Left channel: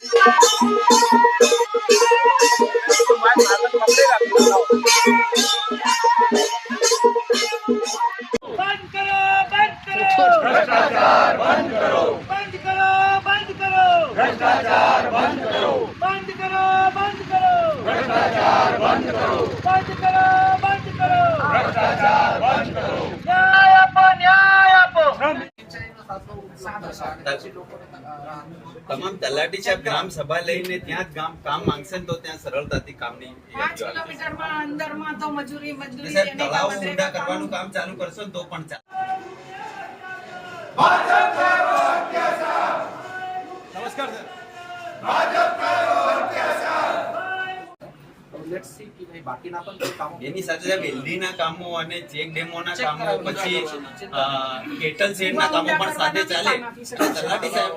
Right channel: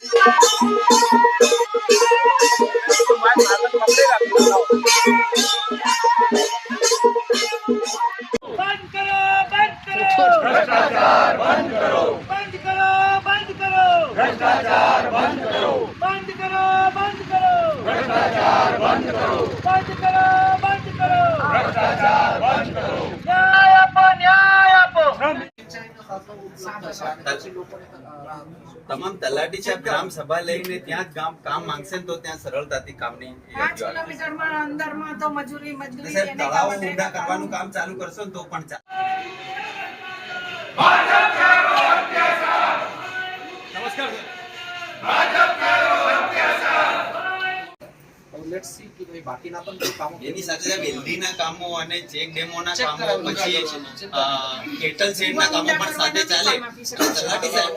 भ्रष्टाचार बंद करो, बंद करो, बंद करो, भ्रष्टाचार बंद करो, बंद करो, बंद करो, भ्रष्टाचार बंद करो, बंद करो, बंद करो, भ्रष्टाचार बंद करो, न्याय आपो, न्याय आपो। તમામ તલાટી સાહેબ ગ્રામ સભા લઈને ત્યાં કામ માંગશે તો ત્યાં સરળતાથી કામની 5 કિલોમીટરમાં અંદરમાં તો મજૂરી સાહેબ તળાવ ઊંડા કરવાનું કામ ચાલુ કરશો ને તો પણ ચાલે. नमस्कार એની સાથે વેલ્ડીના કામો અને ચેક ડેમોના કામો પછી કેટલ શેડના કામો પણ સાથે ચાલે. તલાટી સાહેબ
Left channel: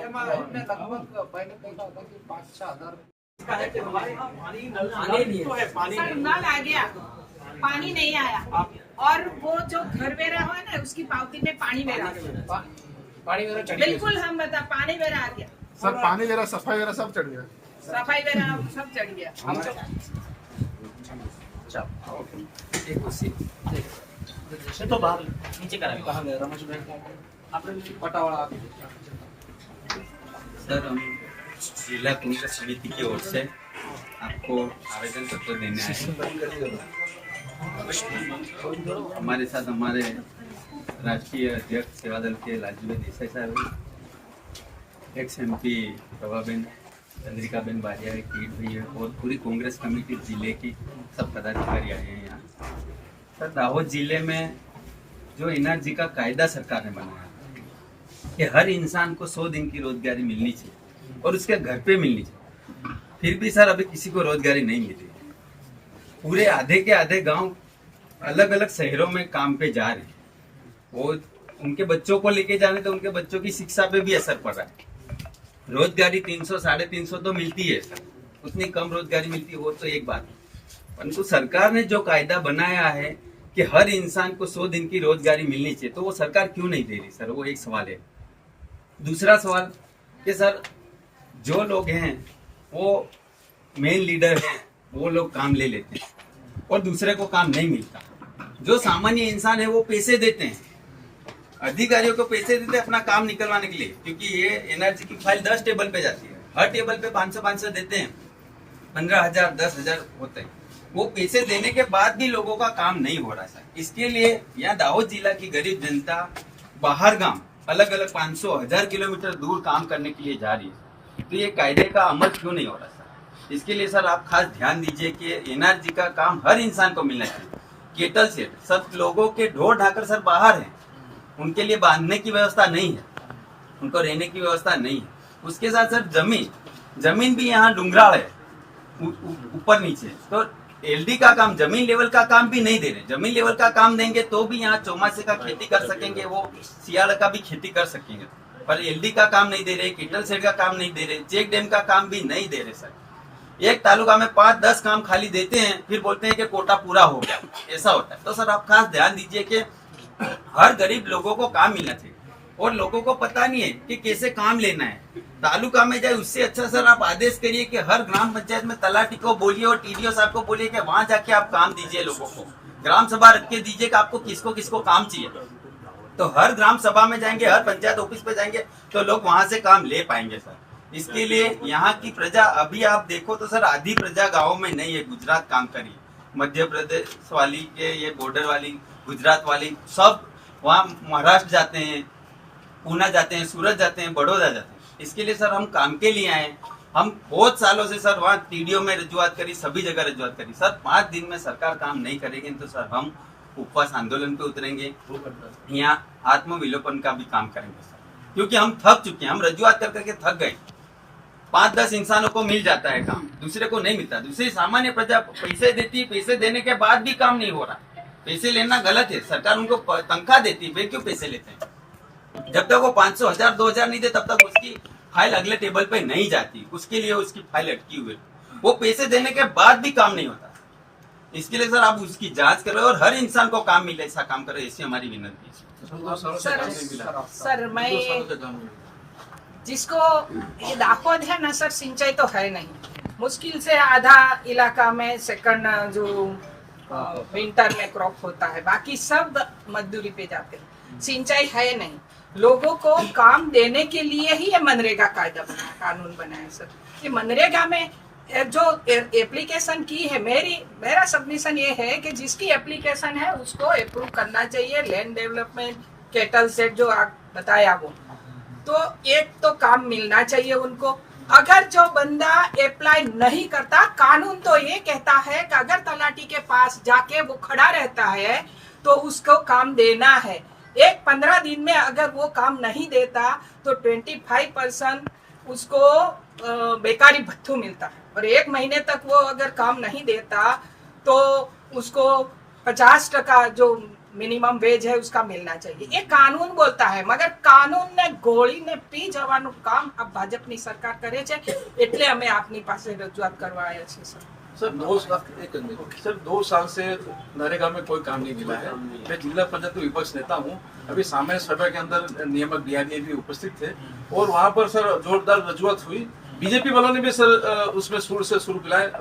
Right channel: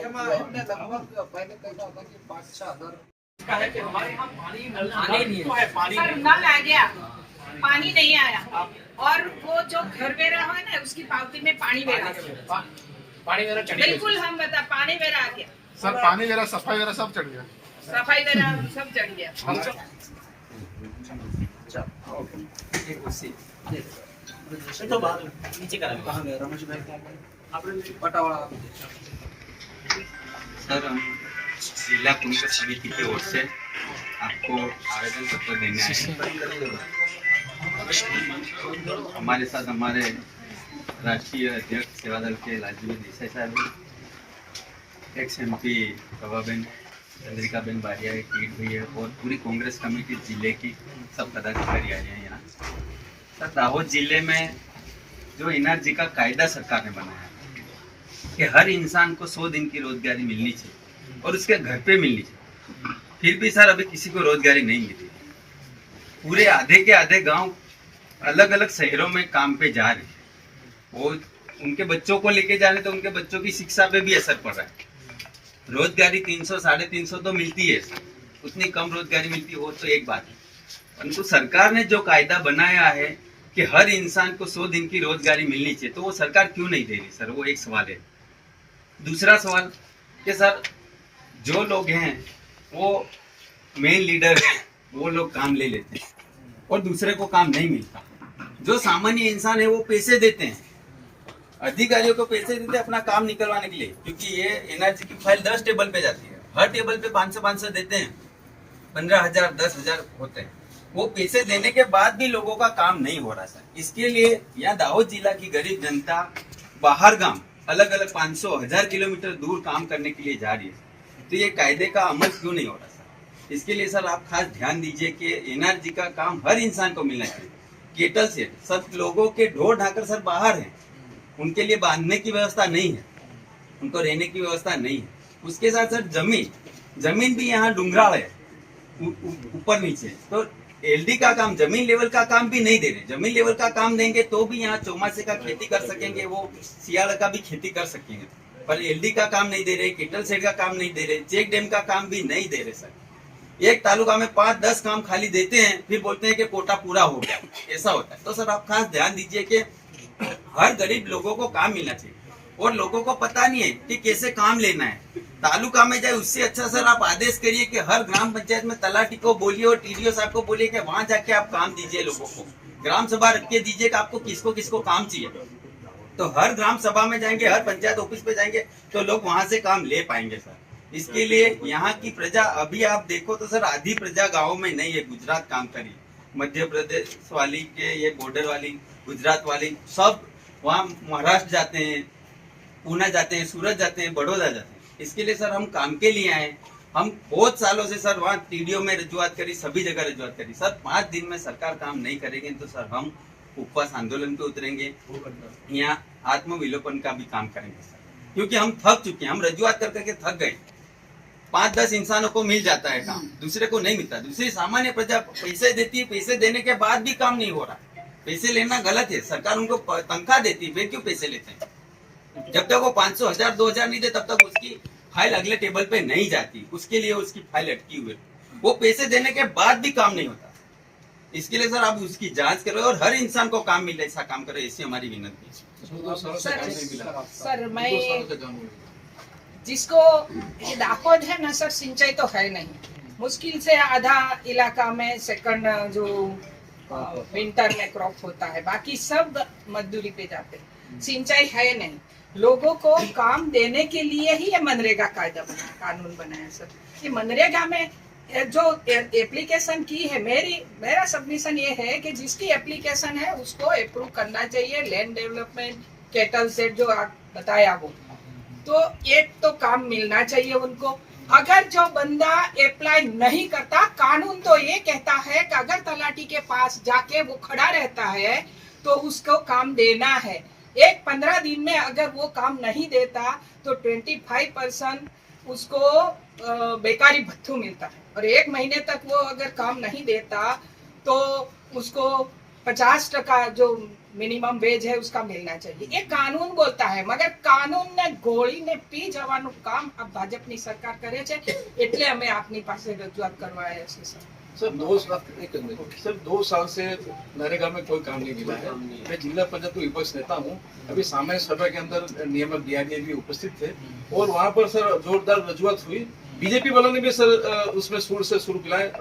नल आ गया, पानी नहीं आया और वो जो घर वेरा है ना उसकी पावती में पानी वेरा बिल्कुल हम बता पानी वेरा आ गया सर, पानी वेरा सफाई वेरा सब चढ़ गया, सफाई वेरा सब चढ़ गया। तो बाहर नीचे करा कहां गए रमेश भाई क्या आपने पटावाड़ा सर हम जिला कांग्रेस समिति की ओर से आपको आवेदन पत्र देने आए हैं। हमारे साथ हमारे राष्ट्रीय अध्यक्ष सेवादल के लालजी देसाई साहब, एक्स MP प्रभाबेन चंद्रिकाबेन बारिया, एक लीड हुई है और पूरी कांग्रेस कमेटी जिले की सब पदाधिकारी आए हैं यहाँ। सर दाहोद जिले में जो एनआरजी का कायदा सरकार ने बनाया कि हर इंसान को 100 दिन की रोजगारी मिलनी चाहिए और उसके घर पे मिलनी चाहिए, फिर भी सर अभी किसी को रोजगारी नहीं मिली। पूरे आधे के आधे गांव अलग अलग शहरों में काम पे जा रहे हैं। वो उनके बच्चों को लेके जाने तो उनके बच्चों की शिक्षा पे भी असर पड़ रहा है। रोजगारी 300 350 तो मिलती है, उतनी कम रोजगारी मिलती है वो तो एक बात है, परंतु सरकार ने जो कायदा बनाया है कि हर इंसान को 100 दिन की रोजगारी मिलनी चाहिए, तो वो सरकार क्यों नहीं दे रही सर? वो एक सवाल है। दूसरा सवाल कि सर जो लोग हैं वो मेन लीडर हैं, वो लोग काम ले लेते हैं और दूसरे को काम नहीं मिलता। जो सामान्य इंसान है वो पैसे देते हैं, अधिकारियों को पैसे देते हैं अपना काम निकलवाने के लिए, क्योंकि ये एनआरजी की फाइल 10 टेबल पे जाती है, हर टेबल पे 500 देते हैं, 15,000 10,000 होते हैं। वो पैसे देने के बाद भी लोगों का काम नहीं हो रहा सर। इसके लिए यहाँ दाहोद जिला की गरीब जनता बाहर गांव अलग अलग 500-1000 किलोमीटर दूर काम करने के लिए जा रही है, तो ये कायदे का अमल क्यों नहीं हो रहा सर? इसके लिए सर आप खास ध्यान दीजिए कि एनआरजी का काम हर इंसान को मिलना चाहिए। केटल सेट सब लोगों के ढोर ढाकर सर बाहर हैं, उनके लिए बांधने की व्यवस्था नहीं है, उनको रहने की व्यवस्था नहीं है। उसके साथ सर जमीन भी यहाँ डूंगराल है, ऊपर नीचे, तो एलडी का काम, जमीन लेवल का काम भी नहीं दे रहे। जमीन लेवल का काम देंगे तो भी यहाँ चौमासे का खेती कर सकेंगे, वो सियाल का भी खेती कर सकेंगे, पर एलडी का काम नहीं दे रहे, केटल सेट का काम नहीं दे रहे, चेक डैम का काम भी नहीं दे रहे सर। एक तालुका में 5-10 काम खाली देते हैं, फिर बोलते हैं कि कोटा पूरा हो गया, ऐसा होता है। तो सर आप खास ध्यान दीजिए कि हर गरीब लोगों को काम मिलना चाहिए, और लोगों को पता नहीं है कि कैसे काम लेना है। तालुका में जाए उससे अच्छा सर आप आदेश करिए कि हर ग्राम पंचायत में तलाटी को बोलिए और टीडीओ साहब को बोलिए कि वहां जाके आप काम दीजिए लोगों को, ग्राम सभा रख के दीजिए कि आपको किसको किसको काम चाहिए। तो हर ग्राम सभा में जाएंगे, हर पंचायत ऑफिस पे जाएंगे तो लोग वहां से काम ले पाएंगे सर। इसके लिए यहाँ की प्रजा, अभी आप देखो तो सर आधी प्रजा गाँव में नहीं है, गुजरात काम करी, मध्य प्रदेश वाली के ये बॉर्डर वाली, गुजरात वाली सब वहाँ महाराष्ट्र जाते हैं, पूना जाते हैं, सूरत जाते हैं, बड़ौदा जाते हैं। इसके लिए सर हम काम के लिए आए। हम बहुत सालों से सर वहाँ टीडीओ में रजूआत करी, सभी जगह रजूआत करी सर। 5 दिन में सरकार काम नहीं करेगी तो सर हम उपवास आंदोलन पे उतरेंगे, यहाँ आत्मविलोपन का भी काम करेंगे सर, क्योंकि हम थक चुके हैं, हम रजूआत कर करके थक गए। 5-10 इंसानों को मिल जाता है काम, दूसरे को नहीं मिलता। दूसरी सामान्य प्रजा पैसे देती है, पैसे देने के बाद भी काम नहीं हो रहा। पैसे लेना गलत है, सरकार उनको तनख्वाह देती है, वे क्यों पैसे लेते हैं? जब तक वो 500, 1000, 2000 नहीं दे तब तक उसकी फाइल अगले टेबल पे नहीं जाती, उसके लिए उसकी फाइल अटकी हुई। वो पैसे देने के बाद भी काम नहीं होता। इसके लिए सर आप उसकी जांच करें और हर इंसान को काम मिले, ऐसा काम करें, ऐसी हमारी विनती है। सर मैं जिसको ये दाहोद है ना सर, सिंचाई तो है नहीं, मुश्किल से आधा इलाका में सेकंड जो विंटर में क्रॉप होता है, बाकी सब मजदूरी पे जाते हैं, सिंचाई है नहीं। लोगों को काम देने के लिए ही ये मनरेगा कायदा बना, कानून बनाया सर। ये मनरेगा में जो एप्लीकेशन की है, मेरा सबमिशन ये है कि जिसकी एप्लीकेशन है उसको अप्रूव करना चाहिए। लैंड डेवलपमेंट, कैटल सेट जो आप बताया वो, तो एक तो काम मिलना चाहिए उनको। अगर जो बंदा अप्लाई नहीं करता, कानून तो ये कहता है कि अगर तलाटी के पास जाके वो खड़ा रहता है तो उसको काम देना है। 15 दिन में अगर वो काम नहीं देता तो 25% उसको बेकारी भत्तू मिलता है, और 1 महीने तक वो अगर काम नहीं देता तो उसको 50% जो मिनिमम वेज है उसका मिलना चाहिए। ये कानून बोलता है, मगर कानून ने गोળી ने પી જવાનું કામ આ ભાજપની સરકાર કરે છે, એટલે અમે આપની પાસે રજૂઆત કરવા આવ્યા છીએ સર। सर 2 साल से नरेगा में कोई काम नहीं मिला है। मैं जिला पंचायत विपक्ष नेता हूँ। अभी सामान्य सभा के अंदर नियामक डीआरडीए भी उपस्थित थे और वहाँ पर सर जोरदार रजूआत हुई। बीजेपी वालों ने भी सर उसमें सुर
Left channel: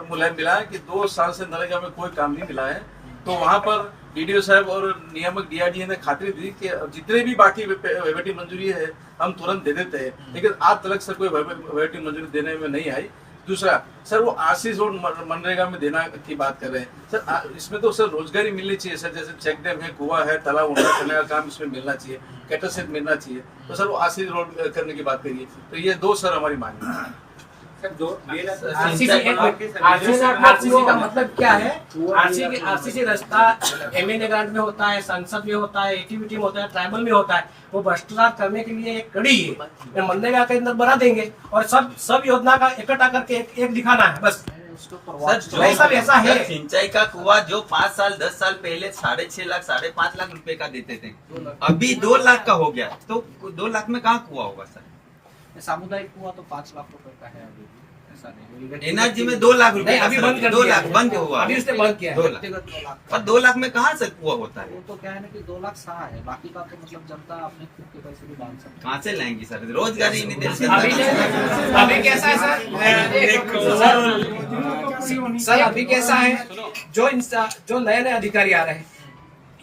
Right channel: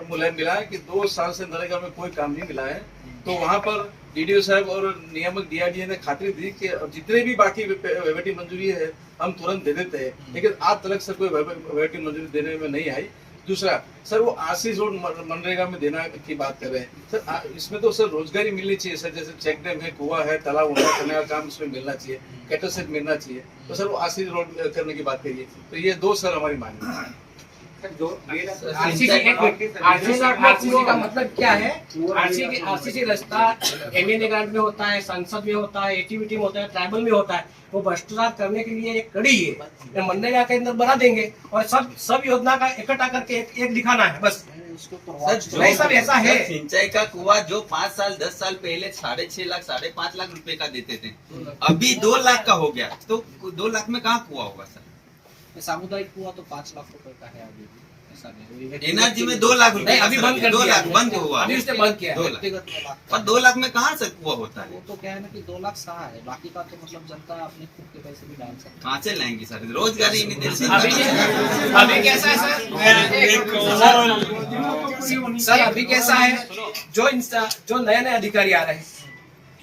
मुलायम मिलाया कि 2 साल से नरेगा में कोई काम नहीं मिला है। तो वहाँ पर डीडीओ साहब और नियामक डीआरडीए ने खातिर दी कि जितने भी बाकी वेटी मंजूरी है हम तुरंत दे देते हैं, लेकिन आज तक सर कोई वेटी मंजूरी देने में नहीं आई। दूसरा सर वो आशीष रोड मनरेगा में देना की बात कर रहे हैं सर, इसमें तो सर रोजगारी मिलनी चाहिए सर। जैसे चेक डैम है, कुआं है, तालाब उंडा करने का काम इसमें मिलना चाहिए, कैटल सेट मिलना चाहिए। तो सर वो आशीष रोड करने की बात करिए। तो ये 2 सर हमारी मांग है। आरसीसी का मतलब क्या है? आरसीसी रास्ता एमएनए ग्रांट में होता है, संसद में होता है, एटीवीटी में होता है, ट्राइबल में होता है। वो भ्रष्टाचार करने के लिए एक कड़ी है, मनरेगा के अंदर बना देंगे और सब योजना का इकट्ठा करके एक दिखाना है बस। सर ऐसा है। सिंचाई का कुआं जो 5 साल 10 साल पहले 6.5 लाख 5.5 लाख रुपए का देते थे, अभी 2 लाख का हो गया। तो 2 लाख में कहाँ कुआं होगा सर? सामुदायिक कुआं तो 5 लाख रुपए का है अभी, ऐसा नहीं। एनर्जी में 2 लाख रुपए अभी बंद कर 2 दिया लाख बंद हुआ, अभी उसने बंद किया 2 लाख। पर 2 लाख में कहाँ सर कुआं होता है? वो तो क्या है ना कि 2 लाख सहा है, बाकी का तो मतलब जनता अपने खुद के पैसे भी डाल सकती है। कहाँ से लाएंगी सर? रोजगारी ही नहीं दे अभी कैसा है सर, अभी कैसा है, जो नए अधिकारी आ रहे हैं,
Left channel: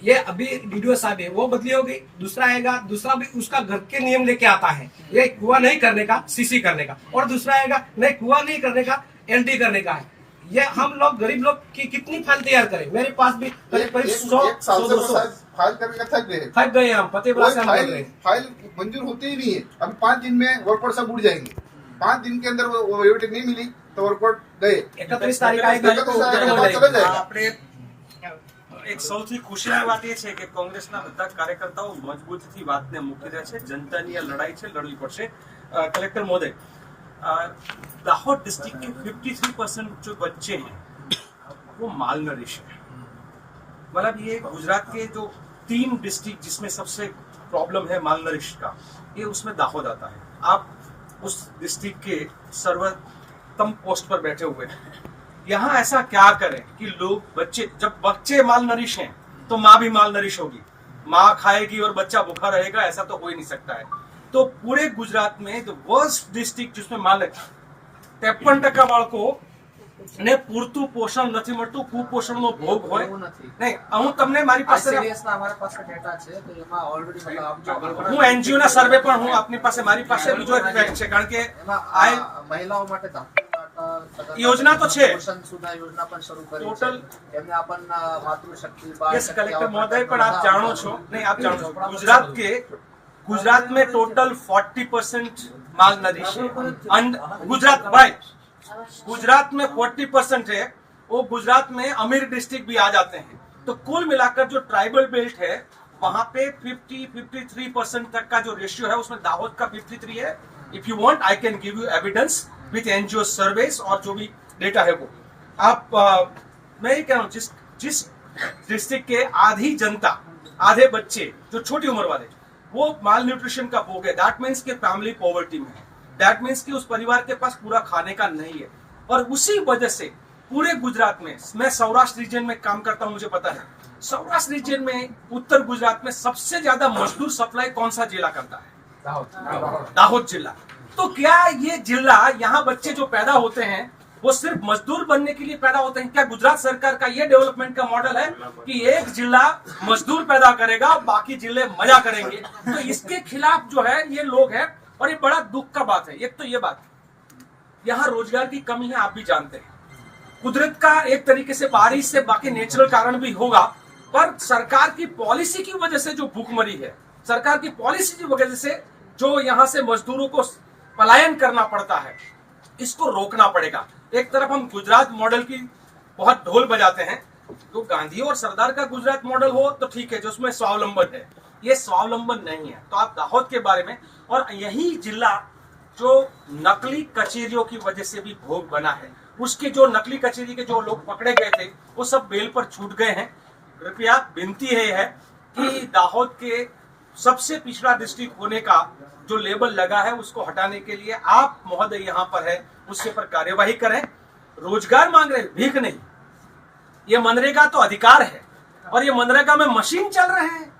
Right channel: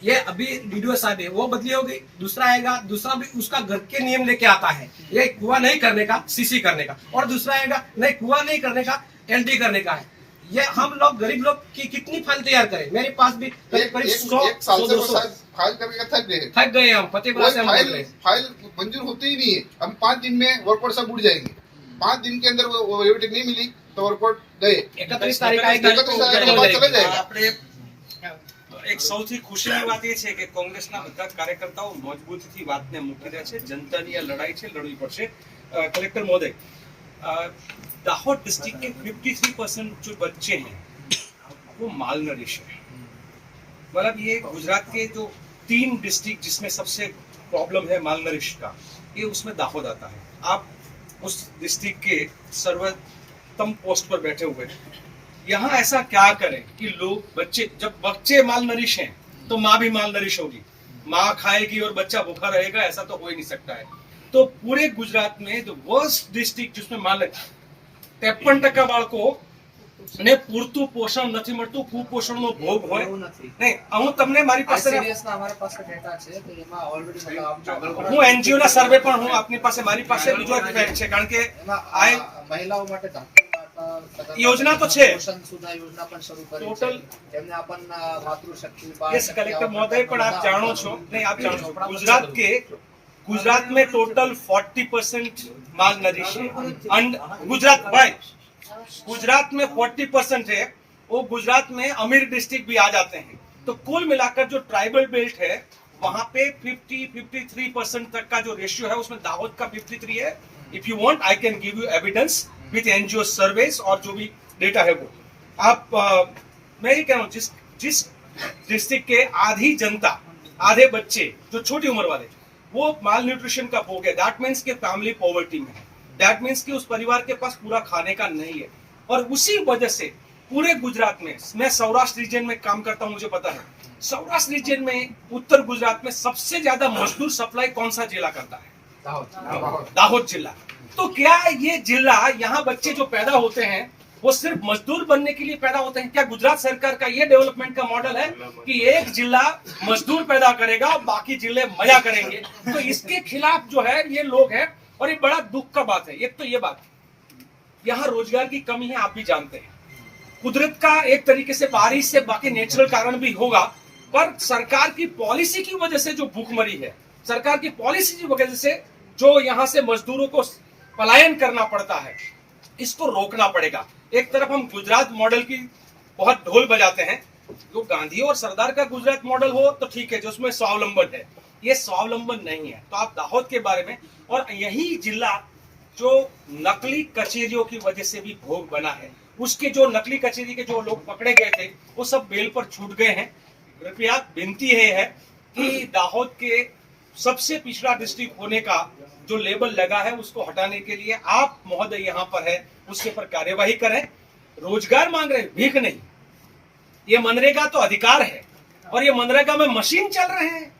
ये अभी डीडीओ साहब है वो बदली होगी, दूसरा आएगा, दूसरा भी उसका घर के नियम लेके आता है, ये कुआं नहीं करने का, सीसी करने का, और दूसरा आएगा नहीं कुआं नहीं करने का, एलडी करने का है। ये हम लोग गरीब लोग की कितनी फाइल तैयार करें? मेरे पास भी करीब 100-200 फाइल करके थक गए हम, फतेहपुरा से हम बोल रहे हैं। फाइल मंजूर होती ही नहीं है। हम 5 दिन में वर्कआउट सब उड़ जाएंगे। 5 दिन के अंदर वो वेटिंग नहीं मिली तो वर्कआउट गए। 31 तारीख आएगी, 31 तारीख के बाद चला जाएगा। આપણે એક સૌથી ખુશીની વાત એ છે કે કોંગ્રેસના બધા કાર્યકર્તાઓ મજબૂતીથી વાતને મૂકી રહ્યા છે। જનતાની આ લડાઈ છે, લડવી પડશે। કલેક્ટર મહોદય, दाहोद डिस्ट्रिक्ट के 53% जो बच्चे हैं वो माल नरिश है। मतलब ये गुजरात के जो 3 डिस्ट्रिक्ट जिसमें सबसे प्रॉब्लम है माल नरिश का, ये उसमें दाहोद आता है। आप उस डिस्ट्रिक्ट के सर्वोत्तम पोस्ट पर बैठे हुए हैं, यहाँ ऐसा क्या करें कि लोग जब बच्चे माल नरिश हैं तो माँ भी माल नरिश होगी, माँ खाएगी और बच्चा भूखा रहेगा, ऐसा तो हो ही नहीं सकता है। तो पूरे गुजरात में जो वर्स्ट डिस्ट्रिक्ट जिसमें माल 53% બાળકો ને પૂરતું પોષણ નથી મળતું, કુપોષણનો ભોગ હોય નહીં। હું તમને મારી પાસે અમારા પાસે ડેટા છે તો એમાં ઓલરેડી હું એનજીઓ ના સર્વે પણ હું આપની પાસે મારી પાસે બીજો એક ફેક્ટ છે, કારણ કે આ મહિલાઓ માટે યોજના તો છે, પોષણ સુધા યોजना પણ શરૂ કરી ટોટલ એમને આપણ માતૃશક્તિ यस कलेक्टर महोदय, પણ आप જાણો છો नहीं, आप जानो છો गुजरात में टोटल 40% माल नरिश है। गुजरात में 40% है, वो गुजरात में अमीर डिस्ट्रिक्ट भी आ जाते हैं। तो कुल मिलाकर जो ट्राइबल बेल्ट है वहां पे 53% तक का जो रेशियो है उसमें दाहोद का 53 है। If you want I can give you evidence with NGO surveys और जो भी डेटा है वो आप मैं ये कह रहा हूँ, जिस डिस्ट्रिक्ट के आधी जनता, आधे बच्चे जो छोटी उम्र वाले वो माल न्यूट्रिशन का भोग है, दैट मीन्स के फैमिली पॉवर्टी में है, दैट मीन्स कि उस परिवार के पास पूरा खाने का नहीं है। और उसी वजह से पूरे गुजरात में, मैं सौराष्ट्र रीजन में काम करता हूं, मुझे पता है सौराष्ट्र रीजन में उत्तर गुजरात में सबसे ज्यादा मजदूर सप्लाई कौन सा जिला करता है? दाहोद जिला। तो क्या ये जिला, यहाँ बच्चे जो पैदा होते हैं वो सिर्फ मजदूर बनने के लिए पैदा होते हैं? क्या गुजरात सरकार का ये डेवलपमेंट का मॉडल है कि एक जिला मजदूर पैदा करेगा, बाकी जिले मजा करेंगे? तो इसके खिलाफ जो है ये लोग हैं, और ये बड़ा दुख का बात है। एक तो ये बात, यहाँ रोजगार की कमी है, आप भी जानते हैं। कुदरत का एक तरीके से बारिश से बाकी नेचुरल कारण भी होगा, पर सरकार की पॉलिसी की वजह से जो भूखमरी है, सरकार की पॉलिसी की वजह से जो यहाँ से मजदूरों को पलायन करना पड़ता है, इसको रोकना पड़ेगा। एक तरफ हम गुजरात मॉडल की बहुत ढोल बजाते हैं, तो गांधी और सरदार का गुजरात मॉडल हो तो ठीक है, जो उसमें स्वावलंबन है, ये स्वावलंबन नहीं है। तो आप दाहोद के बारे में, और यही जिला जो नकली कचेरियों की वजह से भी भोग बना है, उसके जो नकली कचेरी के जो लोग पकड़े गए थे वो सब बेल पर छूट गए हैं। कृपया विनती है कि दाहोद के सबसे पिछड़ा डिस्ट्रिक्ट होने का जो लेबल लगा है उसको हटाने के लिए आप महोदय यहाँ पर है, उसके पर कार्यवाही करें। रोजगार मांग रहे, भीख नहीं। ये मनरेगा तो अधिकार है, और ये मनरेगा में मशीन चल रहे हैं।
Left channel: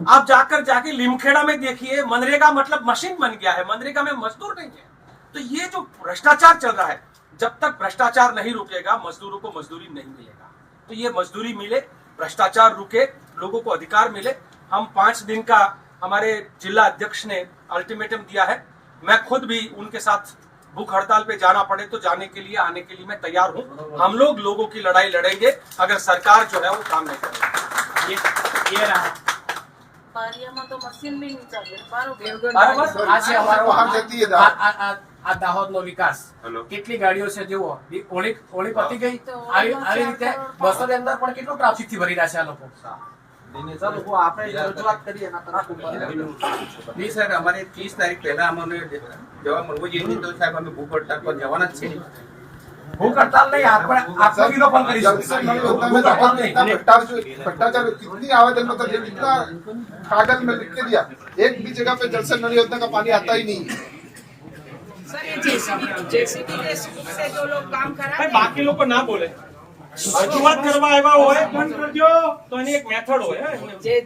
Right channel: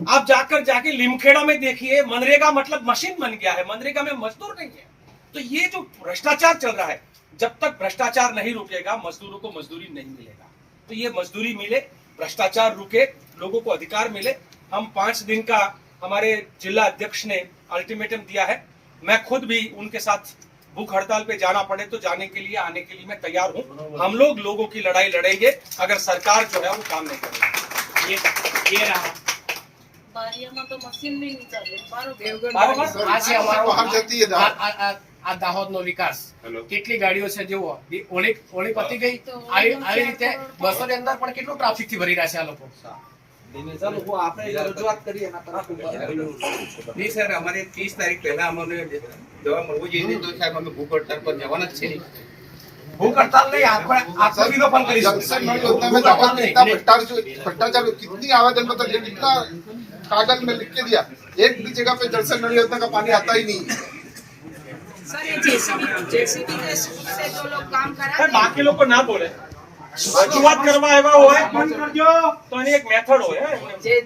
आप जाके लिमखेड़ा में देखिए, मनरेगा मतलब मशीन बन गया है, मनरेगा में मजदूर नहीं है। तो ये जो भ्रष्टाचार चल रहा है, जब तक भ्रष्टाचार नहीं रुकेगा मजदूरों को मजदूरी नहीं मिलेगा। तो ये मजदूरी मिले, भ्रष्टाचार रुके, लोगों को अधिकार मिले। हम 5 दिन का हमारे जिला अध्यक्ष ने अल्टीमेटम दिया है। मैं खुद भी उनके साथ भूख हड़ताल पे जाना पड़े तो जाने के लिए, आने के लिए मैं तैयार हूँ। हम लोग लोगों की लड़ाई लड़ेंगे अगर सरकार जो है वो काम नहीं करेगी। ये रहा બારિયામાં તો મશીન નહીં ચાલે બરાબર બરાબર। આ છે અમારો બહાર જતી है दाहोद। આ દાહોદનો વિકાસ કેટલી ગાડીઓ છે જુઓ, હોળી પતી ગઈ, આવી રીતે બસોની અંદર પણ કેટલું ટ્રાફિક થી ભરી રહ્યા છે આ લોકો। नहीं सर, हमारे 30 तारीख पहला हमारे जवाब મળવો જોઈએ, તો સાહેબ અમે ભૂખ હડતાલ પર જવાના જ છે। भूख हड़ताल नहीं, आपको भी फोन करी जंक्शन नड़ी योजना में दाहोद में इतना भ्रष्टाचार, कितनी आवेदन पत्र दिए, कितना कागज में लिख के दिया, एक भी जगह पे जलसन नड़ी योजना का पानी आता ही नहीं है। सर ये जेसीबी से जो लोग काम करा पर बाकी लोग को ना बोले, शुरुआत करवा है बंद कर दो, तो एक मेथड हो।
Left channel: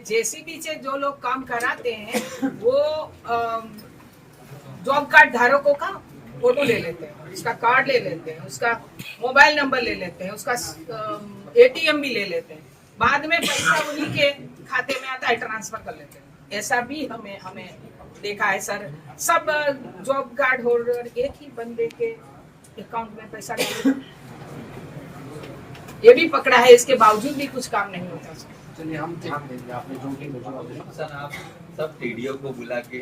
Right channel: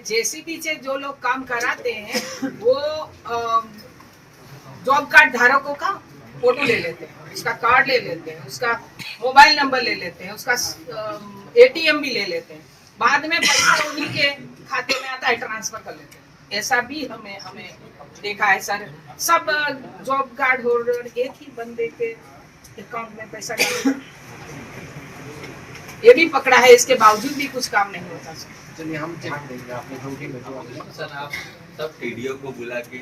जेसीबी से जो लोग काम कराते हैं वो जॉब कार्ड धारकों का फोटो ले लेते हैं, उसका कार्ड ले लेते हैं, उसका मोबाइल नंबर ले लेते हैं, उसका एटीएम भी ले लेते हैं। बाद में पैसा उन्हीं के खाते में आता है, ट्रांसफर कर लेते हैं। ऐसा भी हमें देखा है सर। सब जॉब कार्ड होल्डर एक ही बंदे के अकाउंट में पैसा डालते, ये भी पकड़ा है, इसके बावजूद भी कुछ काम नहीं होता सर। चलिए हम ध्यान देंगे, आपने जो भी सर आप सब टीडीओ को बुला के